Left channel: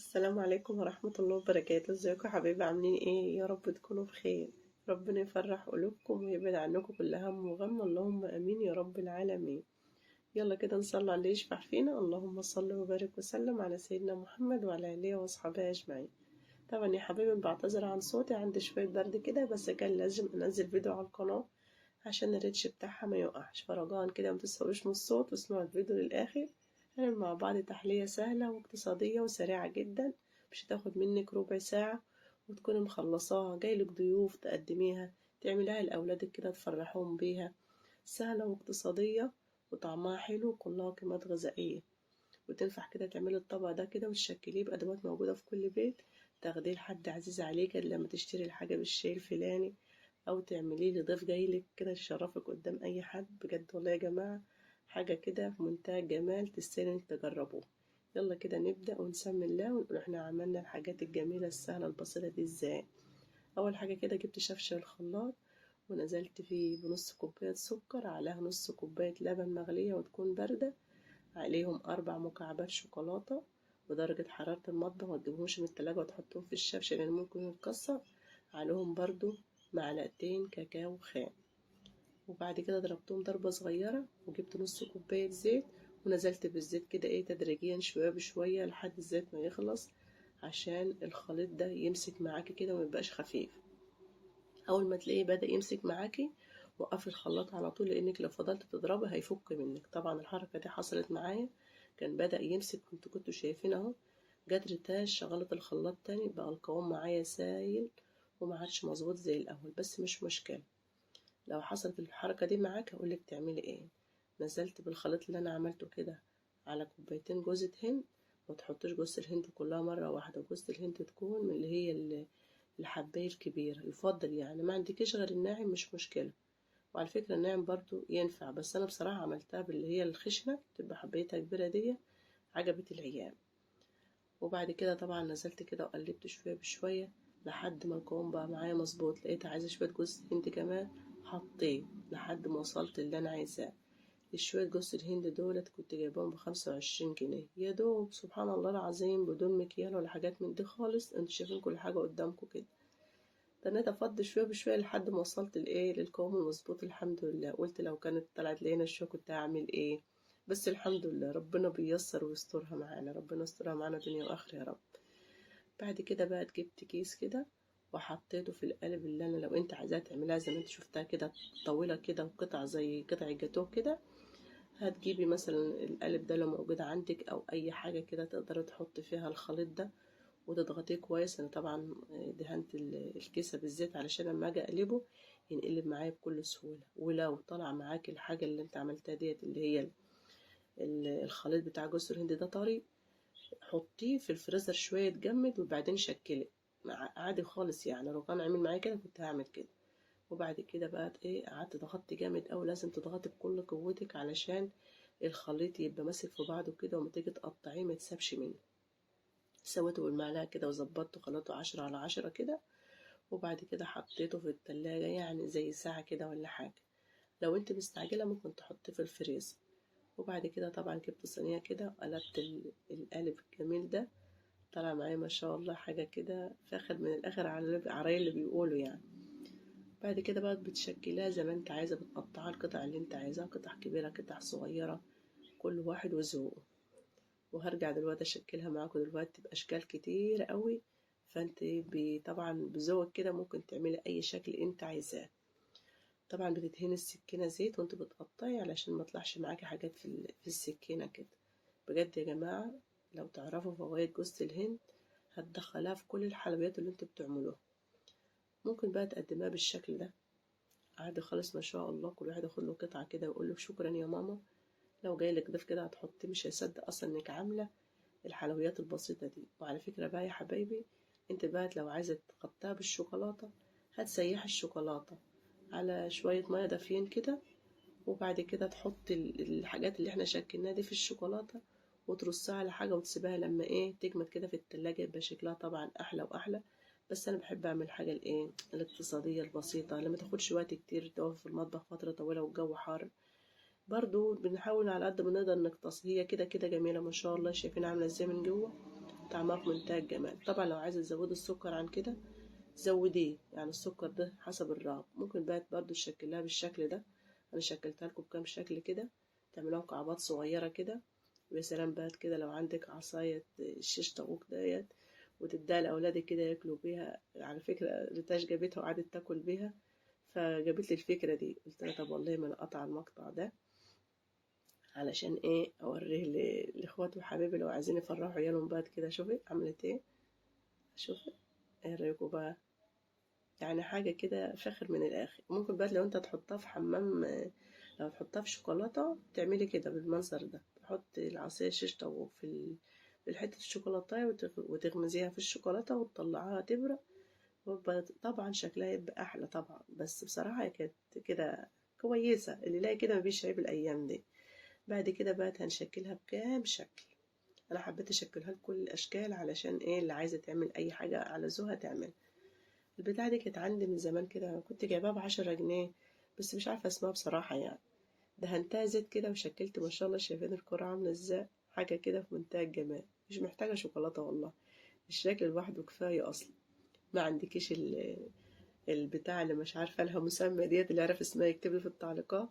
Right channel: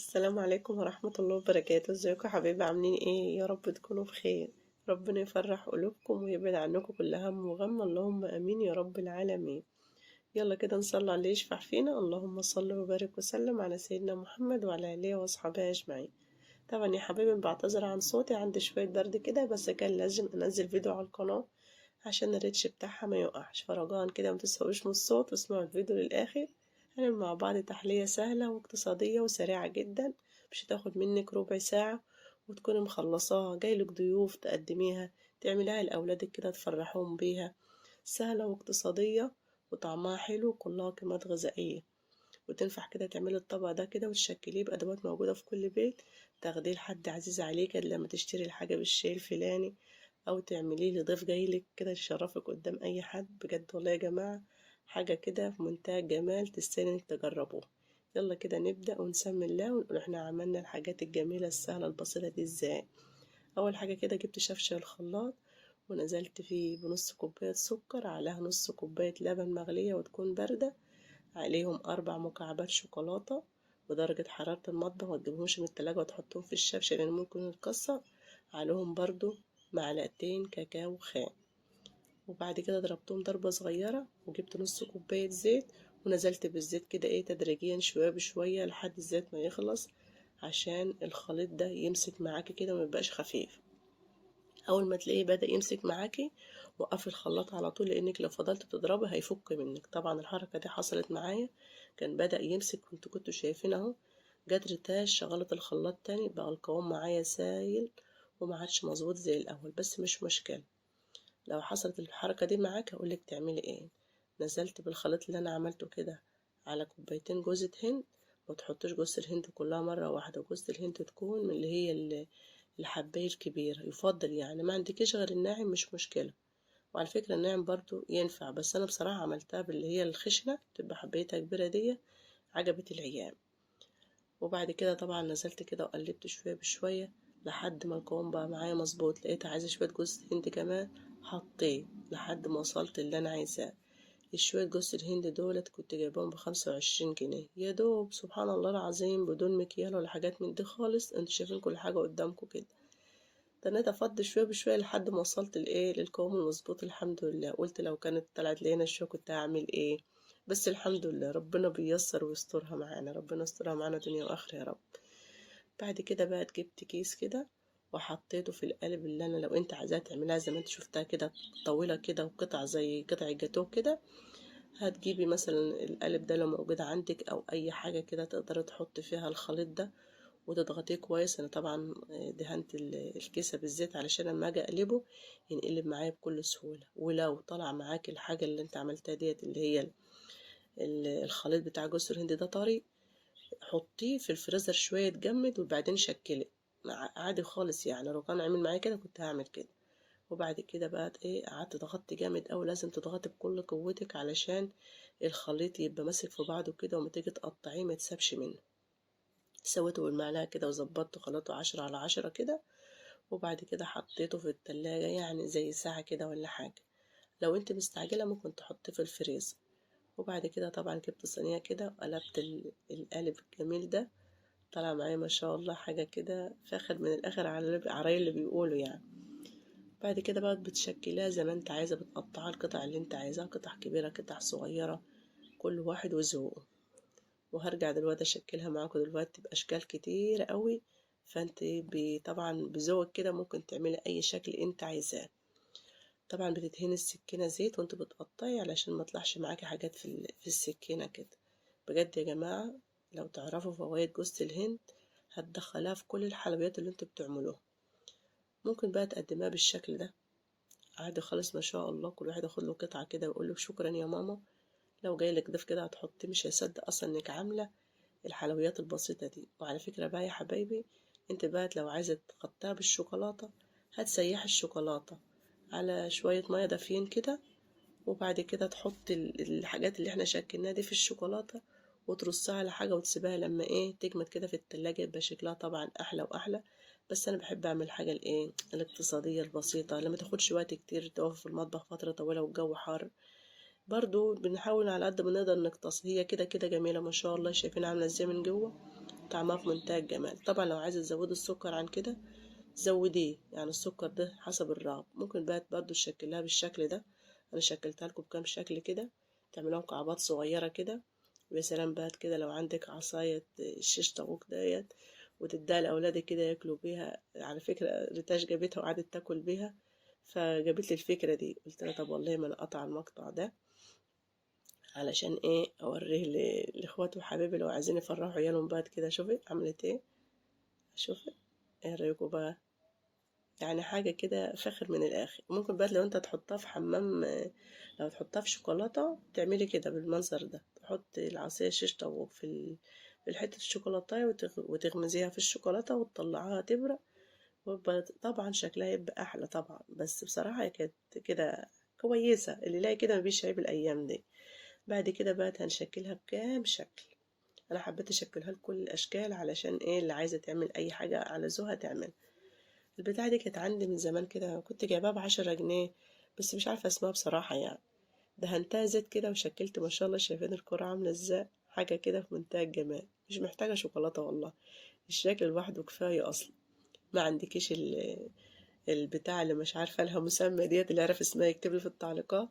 السلام عليكم ورحمة الله وبركاته. ازيكم يا حبايبي؟ عاملين ايه؟ يا رب تكونوا بخير. ربنا يفرح قلوبكم ويبعد عنكم كل هم وغم، اللهم امين يا رب العالمين. يلا كده نصلي على اللي يشفع فينا. اللهم صل وبارك وسلم على سيدنا محمد وعلى اله واصحابه اجمعين. طبعا يا حبايبي بعتذر عن صوتي، عندي شوية برد كده، بس كان لازم انزل فيديو على القناة عشان الريتش بتاعها ما يوقعش. فرجاء كده متسويش من الصوت واسمعوا الفيديو للآخر. هنعمل مع بعض تحلية سهلة واقتصادية وسريعة جدا، مش هتاخد منك ربع ساعة، وتكوني مخلصاها جايلك ضيوف تقدميها، تعمليها لأولادك كده تفرحوهم بيها. سهلة واقتصادية وطعمها حلو وكلها قيمات غذائية، وتنفع كده تعملي الطبق ده كده وتشكليه بأدوات موجودة في كل بيت، تاخديه لحد عزيز عليك لما تشتري الحاجة بالشيء الفلاني، أو تعمليه لضيف جايلك كده يشرفك قدام أي حد. بجد والله يا جماعة حاجة كده في منتهى الجمال، تستاهل إنك تجربوها. يلا كده نبدأ ونسمي الله ونقول احنا عملنا الحاجات الجميلة السهلة البسيطة دي ازاي. أول حاجة كده جبت شفشة الخلاط ونزلت فيه بنص كوباية سكر، عليها نص كوباية لبن مغلية وتكون باردة، عليهم 4 مكعبات شوكولاتة بدرجة حرارة المطبخ، متجيبهمش من التلاجة وتحطهم في الشفشة لأن ممكن يتكسر. عليهم برضو معلقتين كاكاو خام، وبعد كده ضربتهم ضربة صغيرة، وجبت نص كوباية زيت ونزلت بالزيت كده تدريجيا شوية بشوية لحد الزيت ما يخلص، عشان الخليط ده يمسك معاكي كده وميبقاش خفيف. اول ما تلاقيه بدأ يمسك معاكي وقفي الخلاط على طول، لانك لو فضلت تضربي هيفك منك. طبعا الحركة دي حصلت معايا، كان بدأ يمسك، كنتوا شايفين اهو. جت ريتاش شغلت الخلاط تاني، بقى القوام معايا سايل وما عادش مظبوط زي الاول، بس مش مشكلة. لو حصلت الحركة دي معاك هقولك تعملي ايه. نزلت بالخليط اللي انا عملته كده على كوبايتين جوزة هند. ما تحطوش جوز الهند كلها مرة واحدة، جوز الهند تكون من اللي هي الحباية الكبيرة يفضل، يعني ما عندكيش غير الناعم مش مشكلة. وعلى فكرة الناعم برضو ينفع، بس أنا بصراحة عملتها باللي هي الخشنة تبقى حبايتها كبيرة دي، عجبت العيال. وبعد كده طبعا نزلت كده وقلبت شوية بشوية لحد ما القوام بقى معايا مظبوط. لقيت عايزة شوية جوز هند كمان، حطيت لحد ما وصلت اللي أنا عايزاه. الشوية جوز الهند دولت كنت جايبهم ب25 جنيه يا دوب، سبحان الله العظيم، بدون مكيال ولا حاجات من دي خالص. انتوا شايفين كل حاجة قدامكم كده. تنيت افضي شويه بشويه لحد ما وصلت للقوام المظبوط الحمد لله. قلت لو كانت طلعت لينا الشويه كنت هعمل ايه، بس الحمد لله ربنا بيسر ويسترها معانا، ربنا يسترها معانا دنيا واخره يا رب. بعد كده بقى جبت كيس كده وحطيته في القالب اللي انا، لو انت عايزاها تعملها زي ما انت شفتها كده طويله كده وقطع زي قطع الجاتوه كده، هتجيبي مثلا القالب ده لو موجود عندك او اي حاجه كده تقدري تحط فيها الخليط ده وتضغطيه كويس. انا طبعا دهنت الكيسة بالزيت علشان لما اجي اقلبه ينقلب معايا بكل سهولة. ولو طلع معاك الحاجة اللي انت عملتها ديت اللي هي الخليط بتاع جوز الهند ده طري، حطيه في الفريزر شوية يتجمد وبعدين شكله عادي خالص. يعني لو كان عامل معايا كده كنت هعمل كده. وبعد كده بقى قعدت ضغطت جامد اوي، لازم تضغطي بكل قوتك علشان الخليط يبقى ماسك في بعضه كده، وما تيجي تقطعيه ما تسابش منه. سويته بالمعلقة كده وظبطته خلطه 10 على 10 كده. وبعد كده حطيته في التلاجة يعني زي ساعة كده ولا حاجة. لو انت مستعجلة ممكن تحطيه في الفريزر. وبعد كده طبعا جبت صينية كده وقلبت القالب الجميل ده، طلع معايا ما شاء الله حاجة كده فاخر من الآخر على عرايل اللي بيقولوا يعني. بعد كده بقى بتشكلها زي ما انت عايزة، بتقطعها القطع اللي انت عايزاها، قطع كبيرة قطع صغيرة، كل واحد وذوقه. وهرجع دلوقتي اشكلها معاكم دلوقتي باشكال كتير قوي. فانت طبعا بذوقك كده ممكن تعملي اي شكل انت عايزاه. طبعا بتدهني السكينة زيت وانت بتقطعي علشان ما يطلعش معاكي حاجات في السكينة كده. بجد يا جماعة لو تعرفوا فوائد جوز الهند هتدخلها في كل الحلويات اللي انتوا بتعملوها. ممكن بقى تقدمها بالشكل ده عادي خالص ما شاء الله، كل واحد ياخد له قطعة كده ويقول له شكرا يا ماما. لو جايلك ضيف كده هتحطيه مش هيصدق اصلا انك عاملة الحلويات البسيطة دي. وعلى فكرة بقى يا حبايبي، انت بقى لو عايزة تغطيها بالشوكولاتة هتسيح الشوكولاتة على شوية مية دافيين كده، وبعد كده تحط الحاجات اللي احنا شكلناها دي في الشوكولاتة وترصها على حاجة وتسيبها لما تجمد كده في التلاجة، يبقى شكلها طبعا احلى واحلى. بس انا بحب اعمل حاجة الاقتصادية البسيطة اللي ما تاخدش وقت كتير، تقف في المطبخ فترة طويلة والجو حار. برضو بنحاول على قد ما نقدر نقتص. هي كده كده جميلة ما شاء الله، شايفين عاملة ازاي من جوه، طعمها في منتهى الجمال. طبعا لو عايزة تزودي السكر عن كده زوديه، يعني السكر ده حسب الرغبة. ممكن بقى برضو تشكلها بالشكل ده، انا شكلتها لكم بكام شكل كده، تعملوها مكعبات صغيرة كده. ويا سلام بقى كده لو عندك عصاية الشيش طاووق ديت وتديها لأولادك كده ياكلوا بيها. على فكرة ريتاش جابتها وقعدت تاكل بيها، فجابت لي الفكرة دي. قلت لها طب والله ما انا قطع المقطع ده علشان ايه اوريه لاخواتي وحبايبي لو عايزين يفرحوا عيالهم بعد كده. شوفي عملت ايه، شوفي. ايه رايكم بقى؟ يعني حاجة كده فاخر من الآخر. ممكن بقى لو انت تحطها في حمام، لو تحطها في شوكولاتة تعملي كده بالمنظر ده، تحطي العصير شيش طاووق في حتة الشوكولاتة وتغمزيها في الشوكولاتة وتطلعيها تبرق. طبعا شكلها يبقى أحلى طبعا. بس بصراحة هي كانت كده كويسة، اللي يلاقي كده مبيش عيب الأيام دي. بعد كده بقى هنشكلها بكام شكل. أنا حبيت أشكلها لكل الأشكال علشان إيه اللي عايزة تعمل أي حاجة على ذوقها تعمل. البتاعة دي كانت عندي من زمان كده، كنت جايباها ب10 جنيه، بس مش عارفة اسمها بصراحة يعني. دهنتها زيت كده وشكلت ما شاء الله. شايفين الكرة عاملة ازاي؟ حاجة كده في منتهى الجمال، مش محتاجة شوكولاتة والله، الشكل لوحده كفاية أصلا. ما عندكيش البتاع اللي مش عارفة لها مسمى ديت، اللي يعرف اسمها يكتبلي في التعليقات.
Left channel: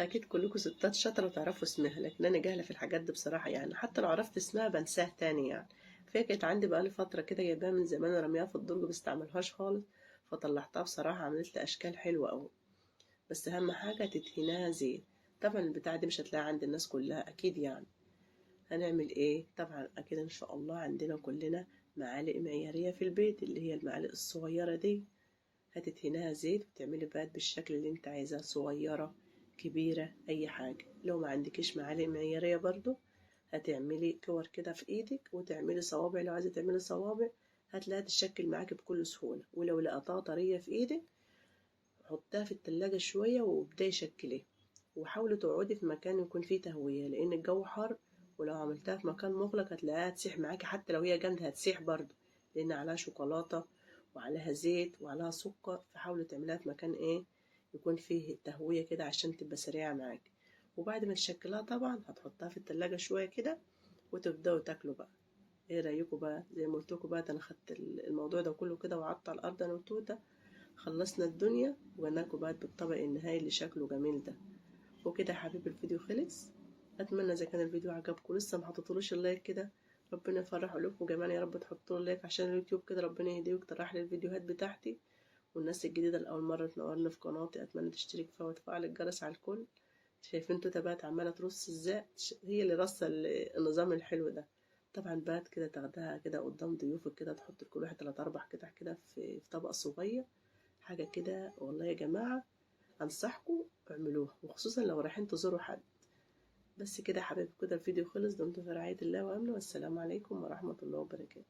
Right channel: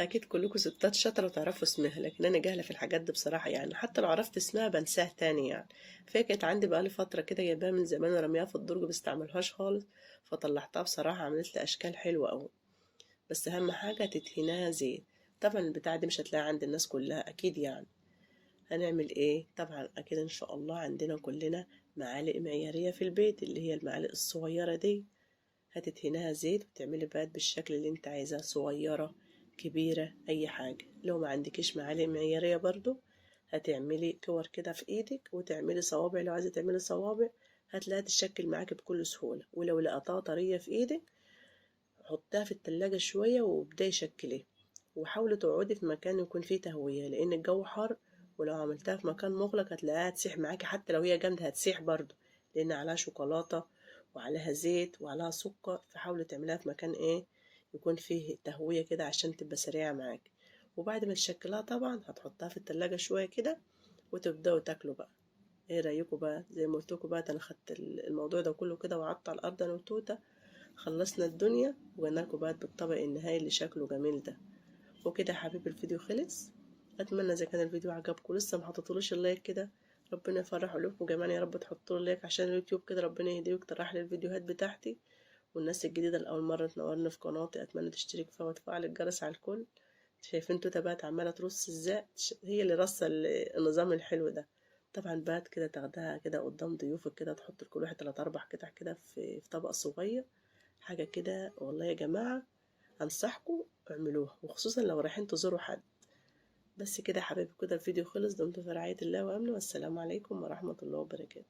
أكيد كلكم ستات شاطرة وتعرفوا اسمها، لكن أنا جاهلة في الحاجات دي بصراحة يعني. حتى لو عرفت اسمها بنساه تاني يعني. فهي كانت عندي بقالي فترة كده جايباها من زمان ورميها في الدرج، مستعملهاش خالص. فطلعتها بصراحة عملت لي أشكال حلوة أوي. بس أهم حاجة تدهنها زيت. طبعا البتاعة دي مش هتلاقي عند الناس كلها أكيد يعني. هنعمل إيه؟ طبعا أكيد إن شاء الله عندنا كلنا معالق معيارية في البيت، اللي هي المعالق الصغيرة دي. هتدهنها زيت وتعملي بقى بالشكل اللي انت عايزاه، صغيرة كبيرة أي حاجة. لو ما عندكيش معالق معيارية برضو هتعملي كور كده في ايدك وتعملي صوابع. لو عايزة تعملي صوابع هتلاقيها تتشكل معاكي بكل سهولة. ولو لقطها طرية في ايدك حطها في التلاجة شوية وابدأي شكليه. وحاولي تقعدي في مكان يكون فيه تهوية لأن الجو حر، ولو عملتها في مكان مغلق هتلاقيها تسيح معاكي. حتى لو هي جامدة هتسيح برضو، لأن عليها شوكولاتة وعليها زيت وعليها سكر. فحاولي تعمليها في مكان ايه يكون فيه تهوية كده عشان تبقى سريعة معاكي. وبعد ما تشكلها طبعا هتحطها في التلاجة شوية كده وتبدأوا تاكلوا بقى. ايه رأيكم بقى؟ زي ما قلتلكوا بقى انا خدت الموضوع ده كله كده وقعدت على الأرض أنا وتوتة. خلصنا الدنيا وجناكوا بقى بالطبق النهائي اللي شكله جميل ده. وكده يا حبيبي الفيديو خلص. اتمنى اذا كان الفيديو عجبكم لسه ما حطيتولوش اللايك كده، ربنا يفرح قلوبكم جميعا يا رب. تحطوا اللايك عشان اليوتيوب كده ربنا يهديه ويقترح لي الفيديوهات بتاعتي. والناس الجديده اللي اول مره تنورني في قناتي اتمنى تشترك فيها وتفعل الجرس على الكل. شايفين توته بقت عماله ترص ازاي؟ هي اللي رصه النظام الحلو ده. طبعا بقى كده تاخدها كده قدام ضيوفك كده، تحط لكل واحد 3 4 قطع كده في طبق صغير. حاجة كده والله يا جماعة أنصحكم اعملوها، وخصوصا لو رايحين تزوروا حد. بس كده يا حبايبي كده الفيديو خلص. دمتم في رعاية الله وأمنه، والسلام عليكم ورحمة الله وبركاته.